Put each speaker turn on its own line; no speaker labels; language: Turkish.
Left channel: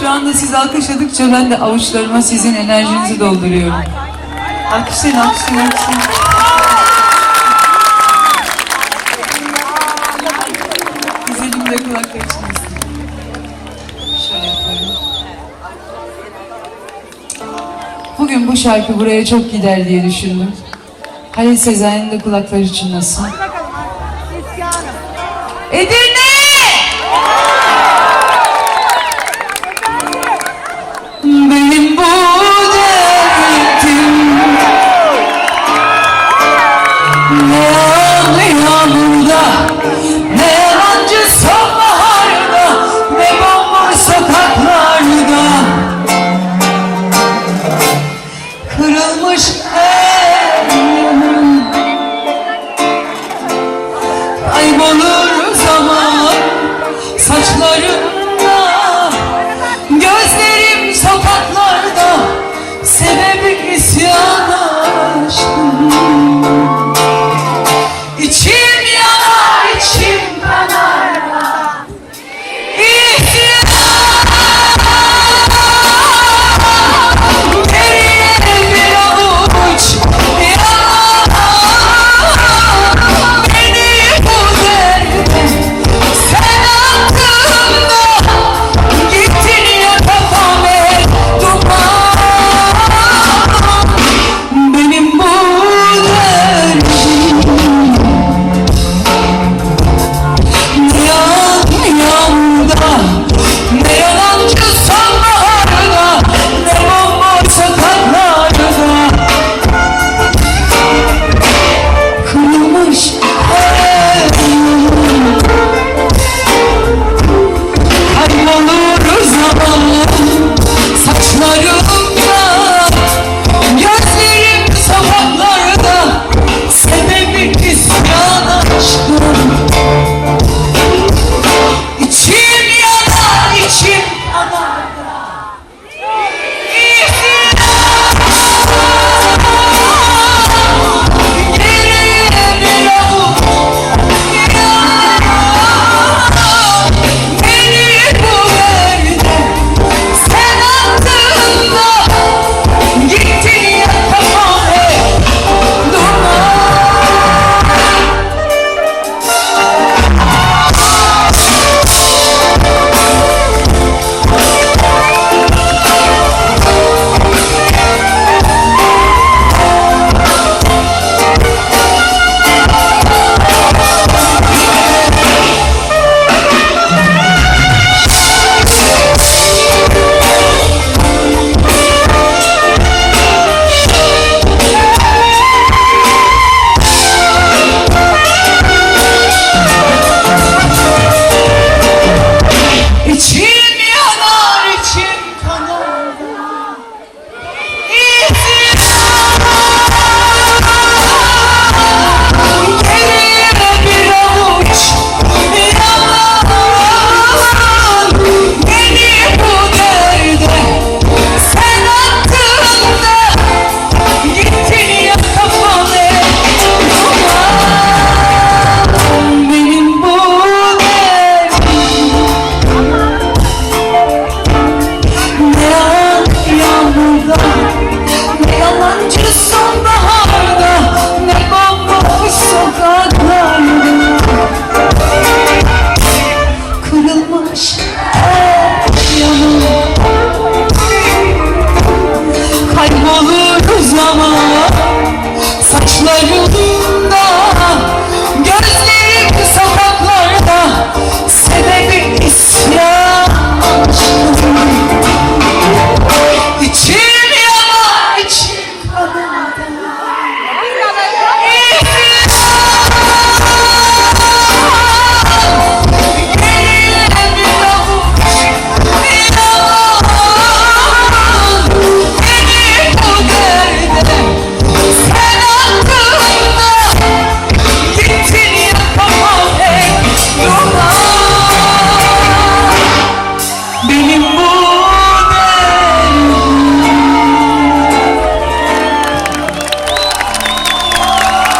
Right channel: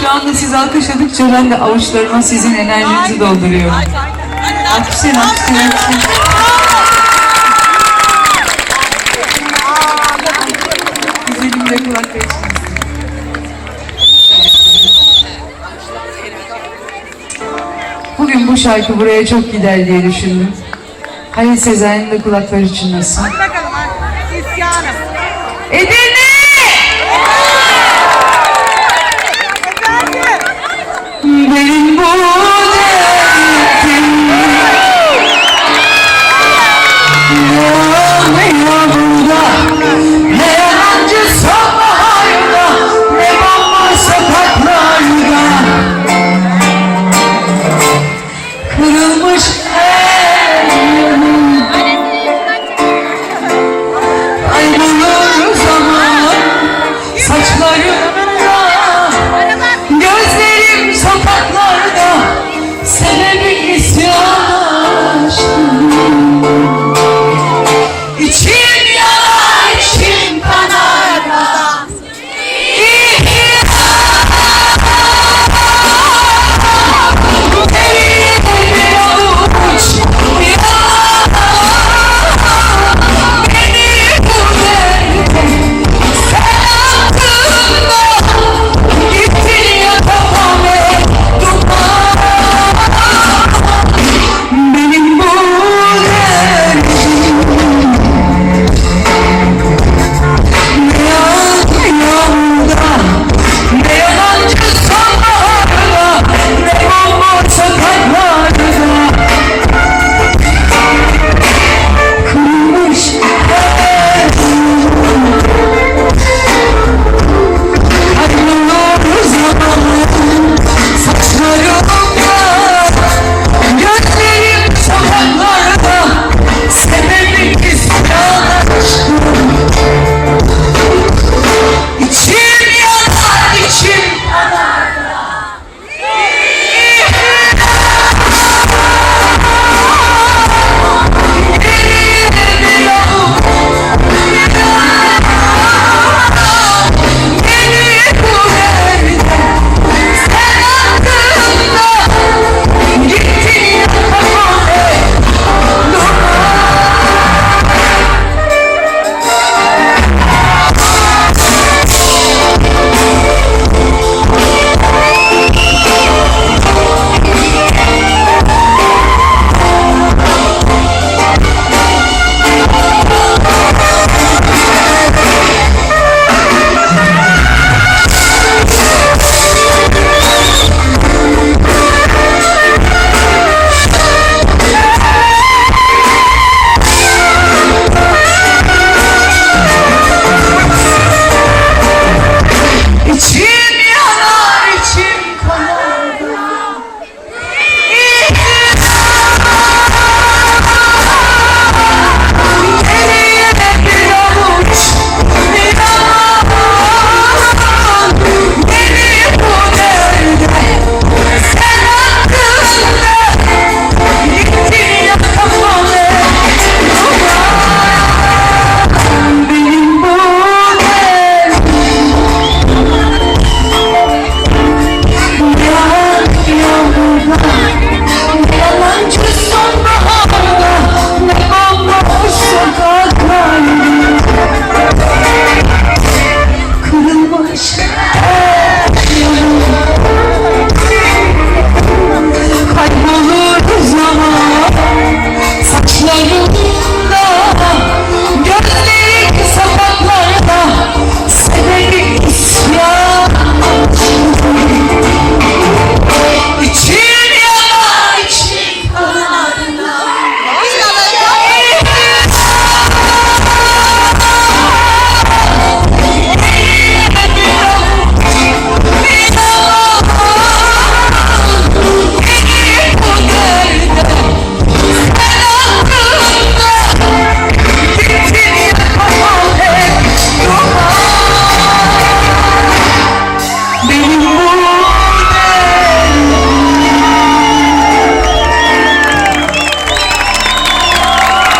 Şu anda siz alkışladıkça ben de avuçlarıma sizin enerjinizi dolduruyorum. Alkışlayın, alkışlayın, alkışlayın. Güzelim de. Şöyle yapıyorum. Bugün bu şarkı buraya çok gider diye düşündüm. Halil Sezai'nin de kulakları çınlasın.
Hadi bakalım. İsyanım.
ഇതിനെ